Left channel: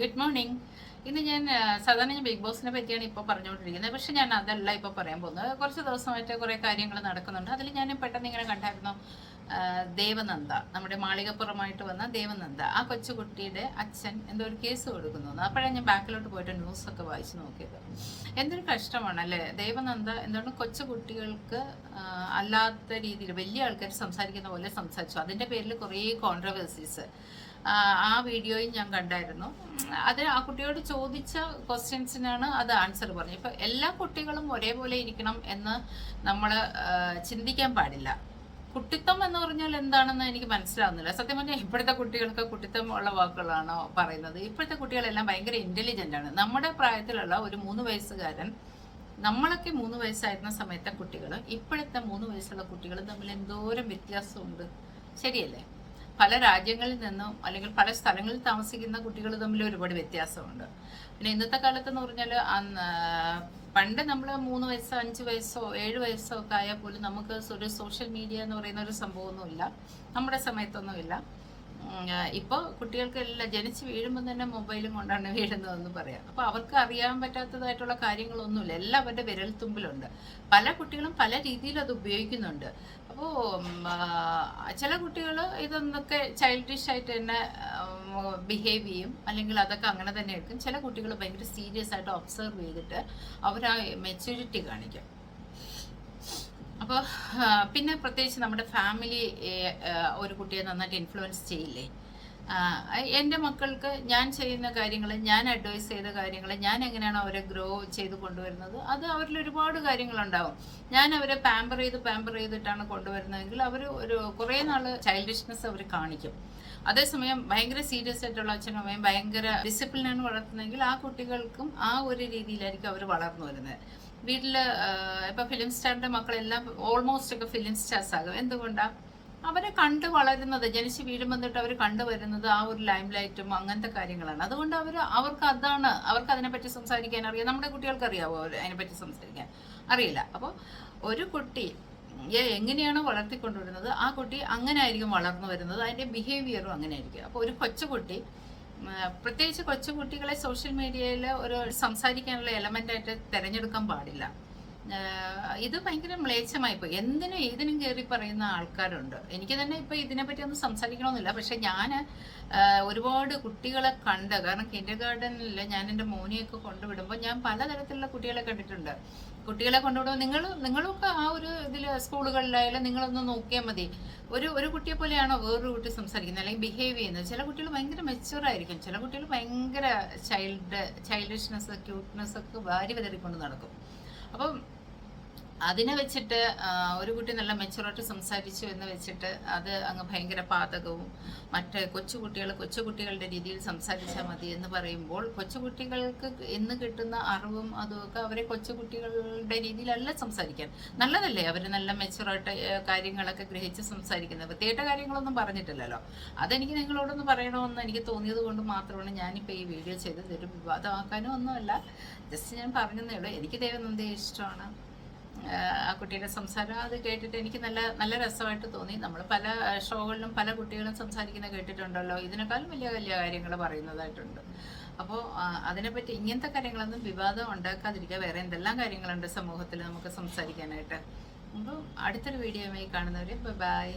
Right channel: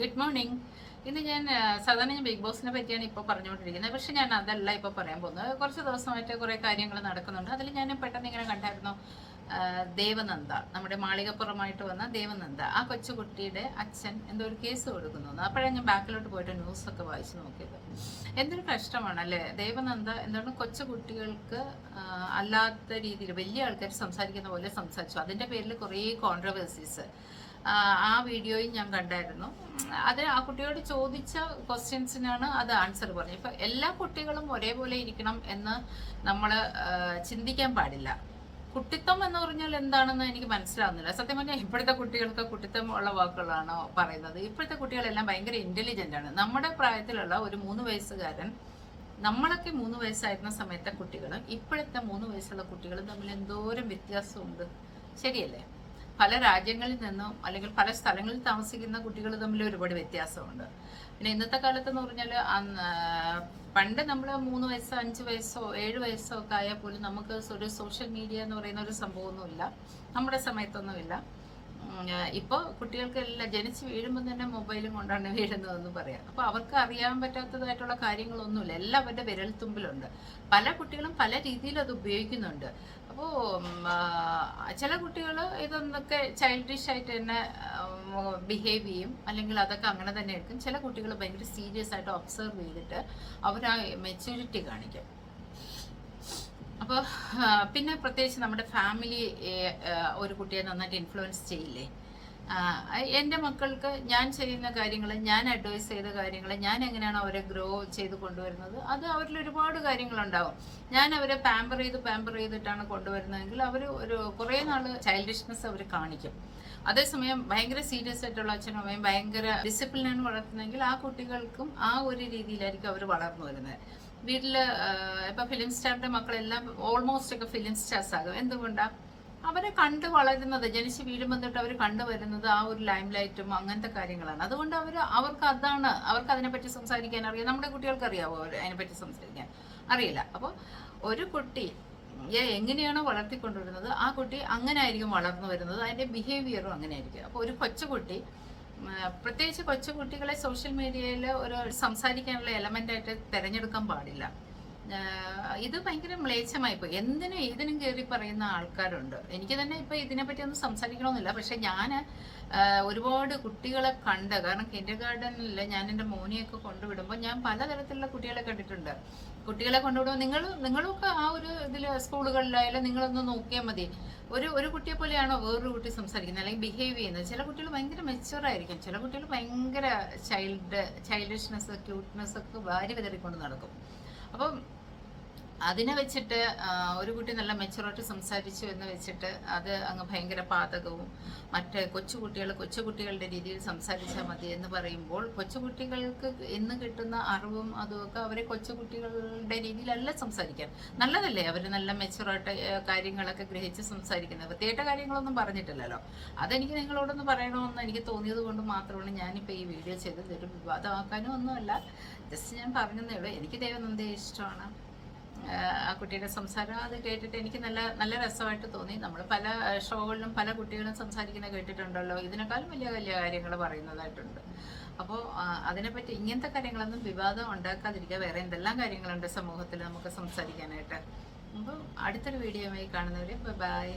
Good morning. ഇന്ന് ഞാൻ സാധാരണ ബിഗ് ബോസിനെ പറ്റിയാണ് ഇപ്പോൾ പറഞ്ഞുകൊണ്ടിരിക്കുന്നത്. പക്ഷെ ഞാൻ അതല്ല ഇപ്പോൾ പറയാൻ പോകുന്നത്. കുറച്ച് ദിവസമായിട്ട് കുറേ കാര്യങ്ങൾ നടക്കുന്നുണ്ട്. അതിൽ ഞാൻ പെട്ടെന്ന് ഇങ്ങനെ കണ്ടായിരുന്നു, ദേവനന്ദ, നമ്മുടെ മാളികപ്പുറമായിട്ട് വന്ന ദേവനന്ദ, ആ കൊച്ചുകുട്ടിയുടെ അച്ഛൻ എന്തോ ഒരു കേസ് കൊടുക്കുന്നു. അപ്പോഴാണ് ഞാൻ ബാക്കിലോട്ട് പോയിട്ട് ന്യൂസൊക്കെ വായിച്ചു നോക്കിയത്. എന്തൊരു കഷ്ടമാണ് അല്ലേ. ദേവനന്ദ എന്താണ് കൊച്ചുകുട്ടികൾക്ക് അല്ലാത്ത രീതിയിൽ വലിയ ആൾക്കാർ സംസാരിക്കുന്ന പോലെ സംസാരിച്ചു. അതിൻ്റെ പേരിൽ കുറേ കോൺട്രവേഴ്സീസ് ആ വീഡിയോയും ഞാൻ കണ്ടായിരുന്നു. അത് ആ കുട്ടിയോട് ചോദിച്ച ക്വസ്റ്റ്യൻസിനാണ് അത് ആൻസർ പറഞ്ഞത്. ഇപ്പം എല്ലാ കുട്ടികളും ഒരേപോലെ ഇരിക്കണം എന്ന് നമ്മൾ ചിന്തിക്കാൻ പാടില്ല. കുട്ടിത്തം എന്ന് പറഞ്ഞാൽ എന്താണെന്ന് എനിക്ക് മനസ്സിലാവുന്നില്ല. സത്യം പറഞ്ഞാൽ ഇപ്പോഴത്തെ കുട്ടികൾക്ക് കുട്ടിത്തം ഉള്ള വാക്കുകളാണോ പറയുന്നത്? ഇപ്പോഴത്തെ കുട്ടികളെല്ലാം ഭയങ്കര ഇൻ്റലിജൻ്റ് ആണ്. നമ്മുടെ പ്രായത്തിലുള്ള ഒരു 3 വയസ്സുകാരൻ, നമ്മളൊക്കെ 3 വയസ്സായിരുന്ന സമയത്തെ കുട്ടികളും ഇപ്പോഴത്തെ 3 വയസ്സുള്ള കുട്ടികളും തമ്മിൽ എന്തോരം വ്യത്യാസമുണ്ട്. ശരിയല്ലേ? പല രാജ്യങ്ങളിൽ നിന്നും അല്ലെങ്കിൽ പല സ്ഥലങ്ങളിൽ താമസിക്കുന്ന കുട്ടികൾ തമ്മിൽ ഒരുപാട് വ്യത്യാസമുണ്ട്. പിന്നെ ഇന്നത്തെ കാലത്ത് എന്ന് പറഞ്ഞാൽ പണ്ട് നമ്മൾ 3 വയസ്സോ 5 വയസ്സോ 7 വയസ്സോ ഒക്കെ ആയാൽ പോലും നമുക്ക് ഒരു സോഷ്യൽ മീഡിയ എന്ന് പറയുന്ന ഒരു സംഭവമൊന്നുമില്ല, നമ്മുടെ സമയത്തൊന്നുമില്ല. ഇപ്പോൾ കുട്ടികൾക്കെല്ലാം ജനിച്ച് വീഴുമ്പോൾ തന്നെ മൊബൈലും കൊണ്ടാണ് വീഴുന്നതെന്ന് പറയാം. അപ്പോൾ അവർക്ക് അറിയാൻ പറ്റാത്തതായിട്ടുള്ള കാര്യങ്ങളൊന്നുമില്ല, എല്ലാം അവരുടെ വിരൽത്തുമ്പിലുണ്ട്. പല കുട്ടികളും പല രീതിയിൽ അത് ഉപയോഗിക്കുന്നുണ്ട്. അപ്പോൾ ചില കുട്ടികൾ ഇതൊന്നൊക്കെ ചൈൽഡിഷ് ആയിട്ട് തന്നെ ബിഹേവ് ചെയ്യും, അല്ലെങ്കിൽ അതൊക്കെ അങ്ങനെ തന്നെ എടുക്കും. ചില കുട്ടികൾ ഭയങ്കര സീരിയസ് ആയിട്ട് ഒബ്സർവ് ചെയ്തിട്ട് അവർ ആ മെച്യൂരിറ്റി കാണിക്കും. അപ്പോൾ പിന്നെ പ്രത്യേകിച്ച് നമ്മുടെ ഫാമിലി ഒരു കുട്ടിയെ നന്നായിട്ട് ഇൻഫ്ലുവൻസ് ചെയ്യില്ലേ? എൻ്റെ മക്കൾക്ക് ഞാൻ ചെയ്യുന്ന കാര്യങ്ങൾ, ഞാൻ അഡ്വൈസ് ചെയ്ത കാര്യങ്ങൾ, ഞാൻ എങ്ങനെയാണ് അവരെ ഗ്രോ ചെയ്ത് കൊണ്ടുവരുന്നത്, അത് അവരിൽ ഒരുപാട് കാര്യങ്ങളുണ്ടാവും. ഞാൻ അവരെ പാമ്പർ ചെയ്തിട്ടാണ് കൊണ്ടുവരുന്നതെങ്കിൽ അവർ ഒരു കുറേ നാൾ ചൈൽഡിഷ്നെസ് അവർ കാണിക്കും. അതേസമയം ഭയങ്കര സീരിയസ് ആയിട്ടുള്ള അച്ഛനും അമ്മയും ഭയങ്കര ഡിസിപ്ലിനാണ് വളർത്തുന്നതെങ്കിൽ ആ കുട്ടികൾക്കും ആ ഒരു രീതിയിലായിരിക്കും അവർ വളർന്നു വരുന്നത്. വീട്ടിൽ ഇപ്പം ഫിലിം സ്റ്റാറിൻ്റെ മക്കളെല്ലാം ഓൾമോസ്റ്റ് ഒക്കെ ഫിലിം സ്റ്റാർസ് ആകും. എന്തുകൊണ്ടാണ്? അവരെ കണ്ട് വളരുന്നത്, ജനിച്ച് വീഴും വന്നിട്ട് അവർ കണ്ടുവരുന്നത് ആ ഒരു ലൈം ലൈറ്റും അങ്ങനത്തെ കാര്യങ്ങളാണ്. അതുകൊണ്ട് അവർക്ക് അതിനെപ്പറ്റി സംസാരിക്കാൻ അറിയാം. നമ്മുടെ കുട്ടികൾക്ക് അറിയാവോ അതിനെപ്പറ്റി സംസാരിക്കാൻ? അറിയില്ല. അപ്പോൾ ഒരു കുട്ടി എങ്ങനെയാണോ വളർത്തിക്കൊണ്ടുവരുന്നത് ആ കുട്ടി അങ്ങനെ ആയിരിക്കും വളർന്നു വരുന്നത്, അതിൻ്റെ ബിഹേവിയറും അങ്ങനെ ആയിരിക്കും. അപ്പോൾ ഒരു കൊച്ചുകുട്ടി, പ്രത്യേകിച്ച് കൊച്ചുകുട്ടികളെ സോഷ്യൽ മീഡിയയിൽ ഒരു സംസാരിക്കാനുള്ള എലമെൻ്റായിട്ട് തിരഞ്ഞെടുക്കാൻ പാടില്ല. ഇത് ഭയങ്കര മ്ലേച്ഛമായിപ്പോയി. എന്തിനും ഏതിനും കയറി പറയുന്ന ആൾക്കാരുണ്ട്. എനിക്ക് തന്നെ ഇപ്പോൾ ഇതിനെപ്പറ്റി ഒന്നും സംസാരിക്കണമെന്നില്ല. പക്ഷെ ഞാൻ ഒരുപാട് കുട്ടികളെ കണ്ട്, കാരണം കിൻഡർ ഗാർഡനിൽ ഞാൻ എൻ്റെ മോനെയൊക്കെ കൊണ്ടുവിടുമ്പോൾ ഞാൻ പലതരത്തിലുള്ള കുട്ടികളെ കണ്ടിട്ടുണ്ട്. കുട്ടികളെ കൊണ്ടുവിടുമ്പോൾ നിങ്ങളൊക്കെ ആ ഒരു ഇതിൽ സ്കൂളുകളിലായാലും നിങ്ങളൊന്ന് നോക്കിയാൽ മതി. ഒരു കുട്ടിയെ പോലെയാണോ വേറൊരു കുട്ടി സംസാരിക്കുന്നത് അല്ലെങ്കിൽ ബിഹേവ് ചെയ്യുന്നത്? ചില കുട്ടികൾ ഭയങ്കര മെച്യൂർ ആയിരിക്കും, ചില കുട്ടികൾ ഭയങ്കര ചൈൽഡിഷ്നെസ് ക്യൂട്ട്നെസ് ഒക്കെ വാരി വിതറിക്കൊണ്ട് നടക്കും. അപ്പം അതിനെ വെച്ചിട്ട് ഒരു കുട്ടി നല്ല മെച്ചുറായിട്ട് സംസാരിച്ചു എന്ന് വെച്ചിട്ട് അത് അങ്ങ് ഭയങ്കര പാതകവും, മറ്റേ കൊച്ചുകുട്ടികളുടെ രീതിയിൽ സംസാരിച്ചാൽ മതി എന്ന് പറയുമ്പോൾ കൊച്ചുകുട്ടികൾക്ക് ഇന്ന് കിട്ടുന്ന അറിവും അതുമൊക്കെ അവരെ കൊച്ചുകുട്ടികളുടെ രീതിയിലല്ല സംസാരിക്കാൻ. നല്ലതല്ലേ അവർ നല്ല മെച്ചുറായിട്ട് കാര്യങ്ങളൊക്കെ ഗ്രഹിച്ച് സംസാരിക്കുന്നത്? പ്രത്യേക കാര്യങ്ങളൊന്നും പറഞ്ഞിട്ടില്ലല്ലോ. അതെനിക്ക് നിങ്ങളോടൊന്ന് പറയണമെന്ന് എനിക്ക് തോന്നിയത് കൊണ്ട് മാത്രമാണ് ഞാനിപ്പോൾ ഈ വീഡിയോ ചെയ്തത്. ഒരു വിവാദമാക്കാനും ഒന്നുമല്ല, ജസ്റ്റ് ഞാൻ പറഞ്ഞതേ ഉള്ളൂ. എനിക്ക് ദേവനന്ദയെ ഇഷ്ടമാണ്. ആ കുട്ടിയുടെ സംസാരം അത് കേട്ടിട്ട് എനിക്ക് നല്ല രസമായിട്ട് തോന്നി. നമ്മൾ പല ഷോകളിലും പല കുട്ടികളും സംസാരിക്കുന്നത് കേട്ടിട്ടുണ്ടല്ലോ, ഇതിനേക്കാളും വലിയ വലിയ കാര്യങ്ങൾ പറയുന്നതായിട്ടുണ്ട്. അപ്പോൾ അതിനെപ്പറ്റി ഇങ്ങനത്തെ കാര്യങ്ങളൊന്നും വിവാദം ഉണ്ടാക്കാതിരിക്കുക. വേറെ എന്തെല്ലാം കാര്യങ്ങളുണ്ട് സമൂഹത്തിൽ നമുക്ക് സംസാരിക്കാനായിട്ട്. അപ്പോൾ അടുത്തൊരു വീഡിയോയുമായി കാണുന്നവരെ ബൈ.